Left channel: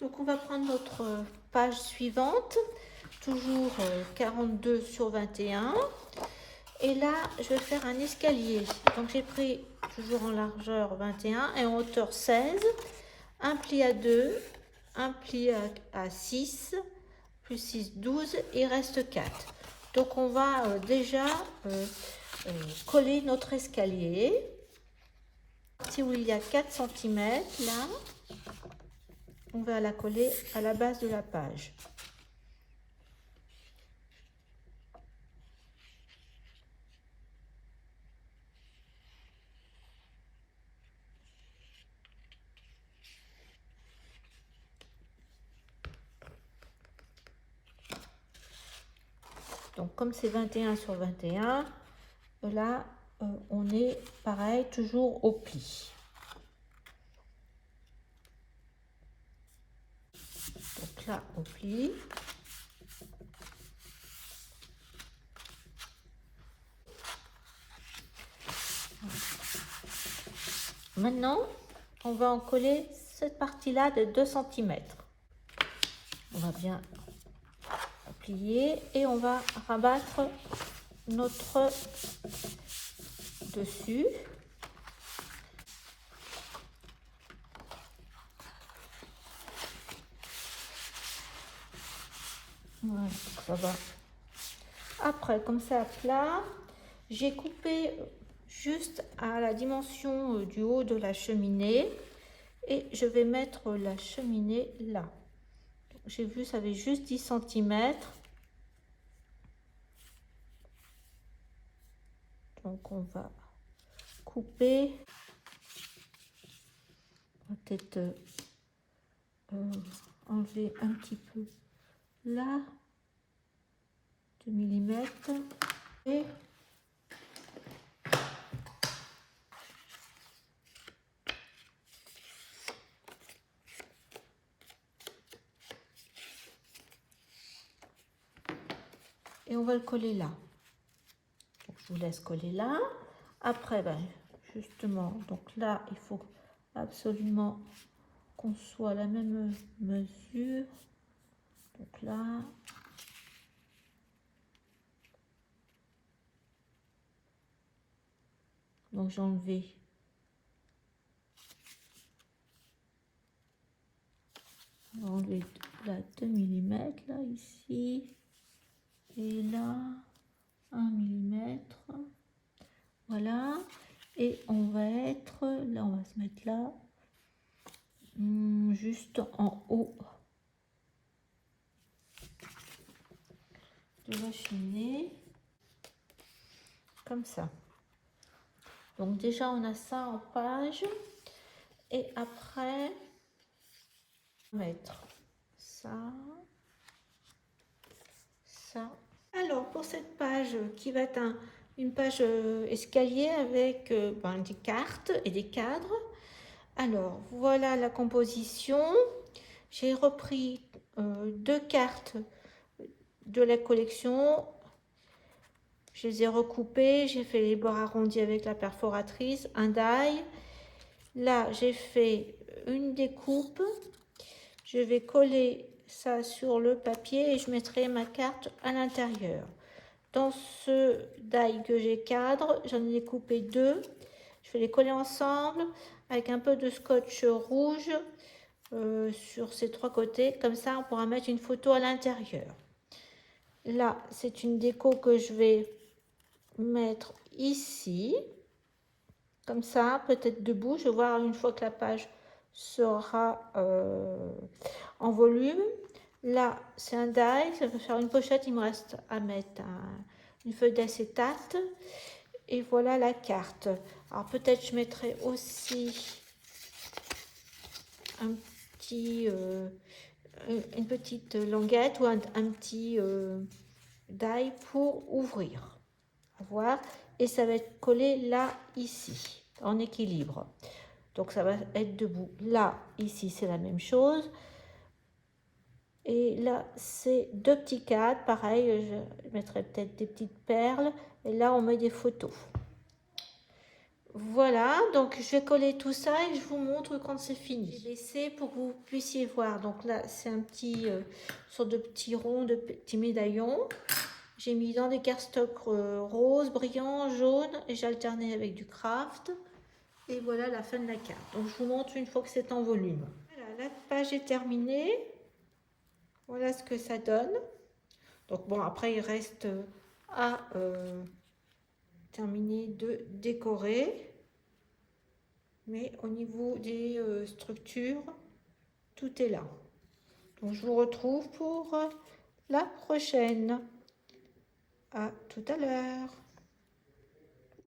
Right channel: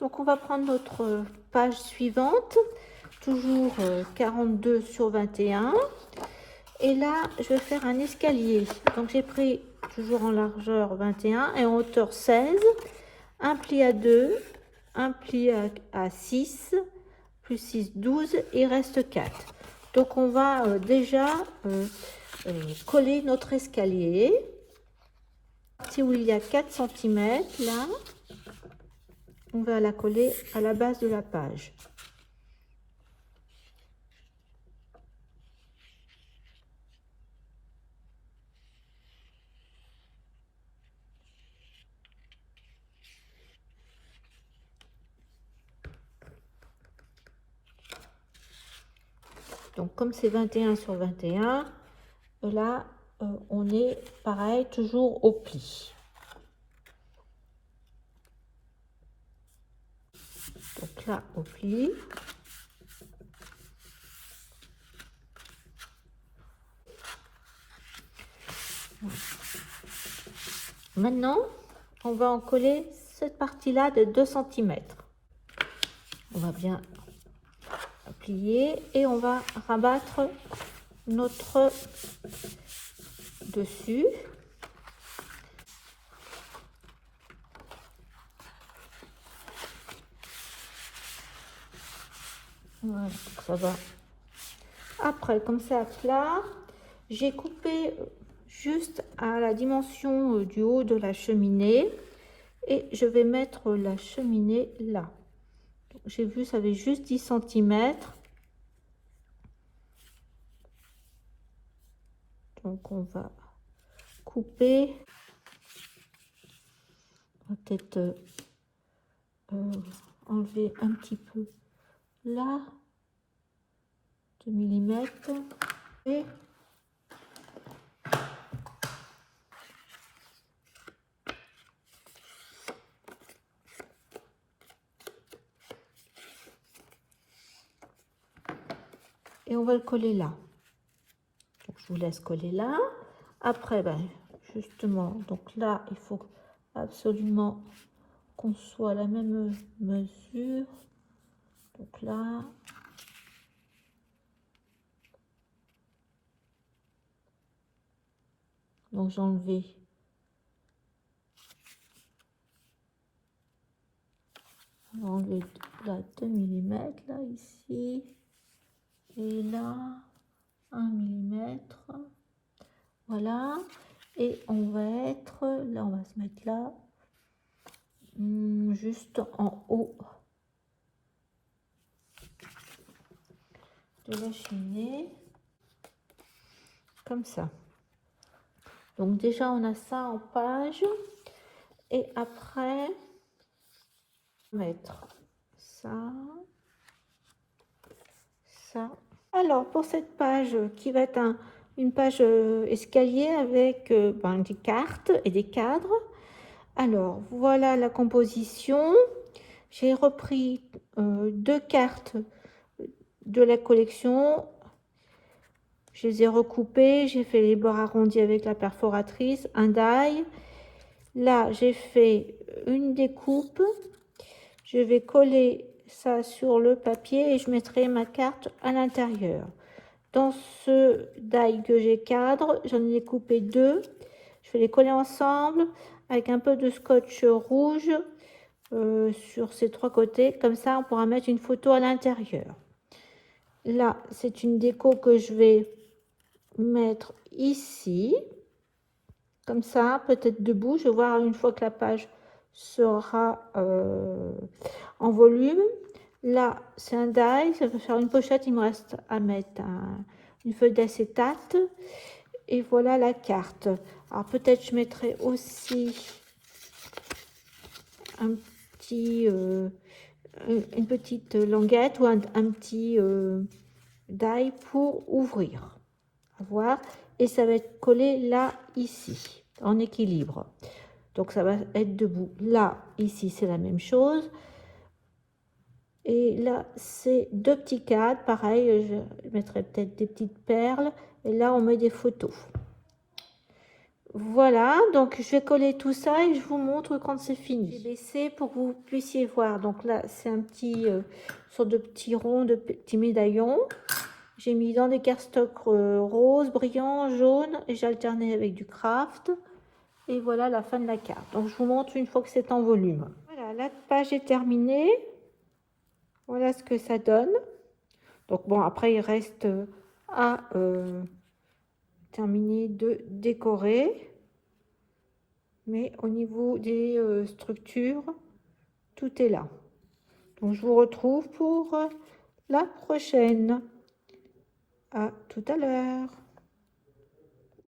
Donc on va prendre notre page suivante, toujours 42 sur 21. Et là, je vais faire un escalier. Donc j'ai pris toujours en largeur 21 et en hauteur 16, un pli à 2, un pli à 6, plus 6, 12, et il reste 4. Donc on va déjà coller notre escalier. Si où il y a 4 cm, là, on va la coller à la base de la page. Donc comme c'est 21 sur 21, là on est pareil, toujours au pli. Donc là au pli. Maintenant, on va en coller cette partie-là de 2 cm. On va bien plier et on va rabattre notre dessus. Voilà, ça va. Après, comme ça, là, j'ai coupé juste à la dimension du haut de la cheminée et je vais mettre la cheminée là. J'ai vu, ça avait juste 10 cm. Donc, on va couper. On va peut-être enlever un petit peu là, 2 mm. Et on va le coller là. Donc, je vous laisse coller là. Après, ben, justement, donc là, il faut absolument qu'on soit à la même mesure. Donc là, donc j'ai enlevé là 2 mm là ici et là 1 mm. Voilà, et on va être là, on va se mettre là, juste en haut de la cheminée, comme ça. Donc déjà on a ça en page, et après on va mettre ça, ça. Alors pour cette page qui va être une page escalier avec des cartes et des cadres. Alors voilà la composition. J'ai repris 2 cartes de la collection. Je les ai recoupées, j'ai fait les bords arrondis avec la perforatrice, un die. Là, j'ai fait une découpe. Je vais coller ça sur le papier et je mettrai ma carte à l'intérieur. Dans ce die que j'ai cadre, j'en ai coupé 2. Je vais les coller ensemble avec un peu de scotch rouge sur ces 3 côtés. Comme ça, on pourra mettre une photo à l'intérieur. Là, c'est une déco que je vais mettre ici, comme ça, peut-être debout. Je vais voir une fois que la page sera en volume. Là, c'est un die, ça va faire une pochette. Il me reste à mettre une feuille d'acétate. Et voilà la carte. Alors peut-être je mettrai aussi un petit, une petite languette ou un petit die pour ouvrir. Voir, et ça va être collé là, ici, en équilibre. Donc ça va être debout. Là, ici, c'est la même chose. Et là, c'est 2 petits cadres. Pareil, je mettrai peut-être des petites perles. Et là, on met des photos. Voilà, donc je vais coller tout ça et je vous montre quand c'est fini. J'ai baissé pour que vous puissiez voir. Donc là, c'est un petit sorte de petits ronds, de petits médaillons. J'ai mis dans des cardstocks rose, brillant, jaune et j'ai alterné avec du craft. Et voilà la fin de la carte. Donc je vous montre une fois que c'est en volume. Voilà, la page est terminée. Voilà ce que ça donne. Donc bon, après il reste à terminer de décorer. Mais au niveau des structures, tout est là. Donc je vous retrouve pour la prochaine. À tout à l'heure.